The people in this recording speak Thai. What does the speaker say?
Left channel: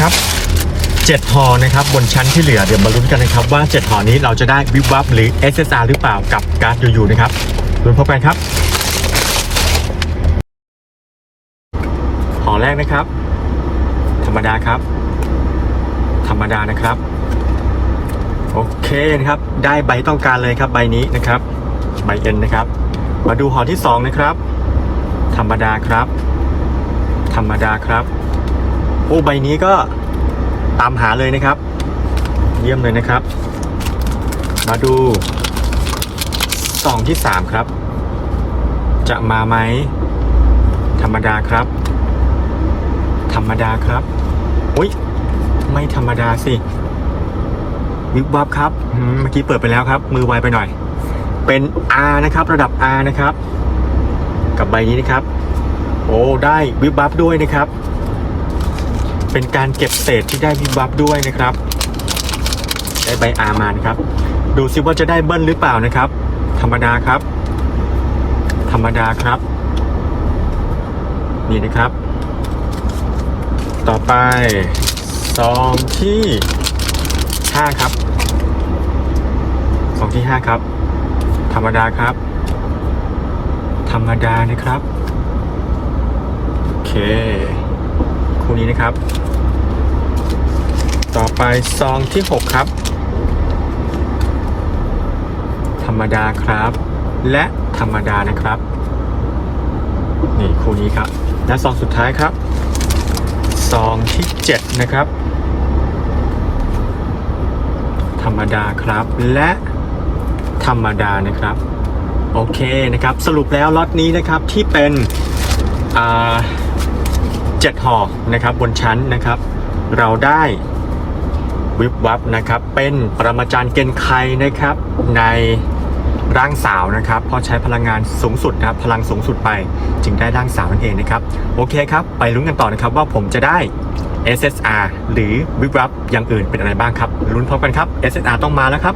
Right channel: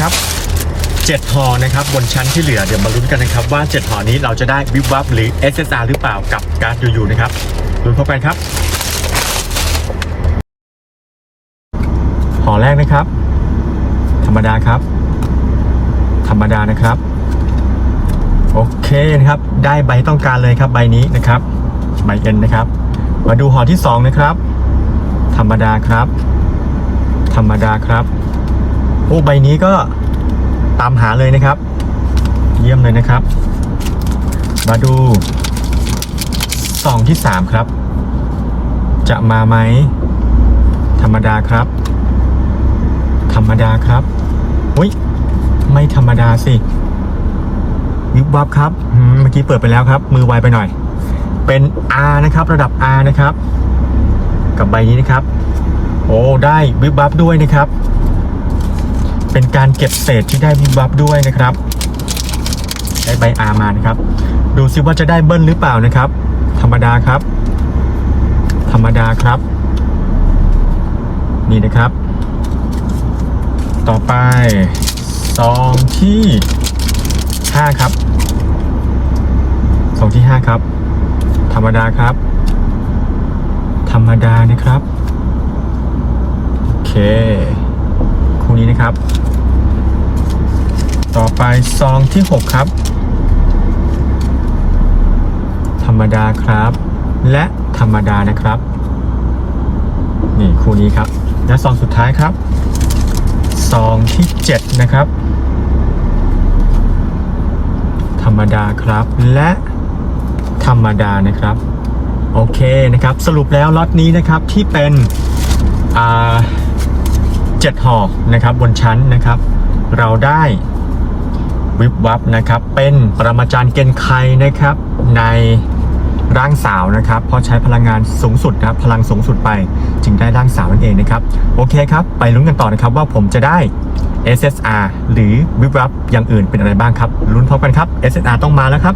นะครับ7หอนะครับบนชั้นที่เหลือเดี๋ยวมาลุ้นกันนะครับว่า7หอนี้เราจะได้วิบวับหรือ SSR หรือเปล่ากับการ์ดยูๆนะครับลุ้นพบกันครับหอแรกนะครับ ธรรมดาครับ ธรรมดานะครับ โอเคนะครับ ได้ใบต้องการเลยครับใบนี้นะครับใบเอ็นนะครับ มาดูหอที่สองนะครับ ธรรมดาครับ ธรรมดาครับ อ้ใบนี้ก็ตามหาเลยนะครับ เยี่ยมเลยนะครับ มาดูซองที่สามครับ จะมาไหม ธรรมดาครับ ธรรมดาครับอุ้ยไม่ธรรมดาสิวิบวับครับเมื่อกี้เปิดไปแล้วครับ มือไวไปหน่อย เป็น R นะครับ ระดับ R นะครับ กับใบนี้นะครับ โอ้ได้วิบวับด้วยนะครับ เป็นการเก็บเศษที่ได้วิบวับด้วยนะครับ ได้ใบ R มานะครับ ดูซิว่าจะได้เบิ้ลหรือเปล่านะครับ ธรรมดาครับ ธรรมดาครับ นี่นะครับ ต่อไปซองที่ห้าครับซองที่ห้าครับ ธรรมดาครับ ธรรมดานะครับ โอเค คู่นี้นะครับ ต่อไปซองที่ 6 ครับ ธรรมดาครับ และธรรมดานะครับ นี่คู่นี้ครับ และซองสุดท้ายครับ ซองที่ 7 นะครับ ธรรมดาครับและธรรมดานะครับ โอเคนะครับ สรุปแล้วล็อตนี้นะครับที่เป็นอ่า เจ็ดห่อนะครับบนชั้นนะครับ เราได้วิบวับนะครับ เป็นปรมาจารย์เกณฑ์ไคนะครับ ในร่างสาวนะครับเพราะใช้พลังงานสูงสุดนะครับพลังสูงสุดไปจึงได้ร่างสาวนั่นเองนะครับโอเคครับ ไปลุ้นกันต่อนะครับว่าผมจะได้ SSR หรือวิบวับอย่างอื่นเป็นอะไรบ้างครับลุ้นพร้อมกันครับ SSR ต้องมาแล้วครับ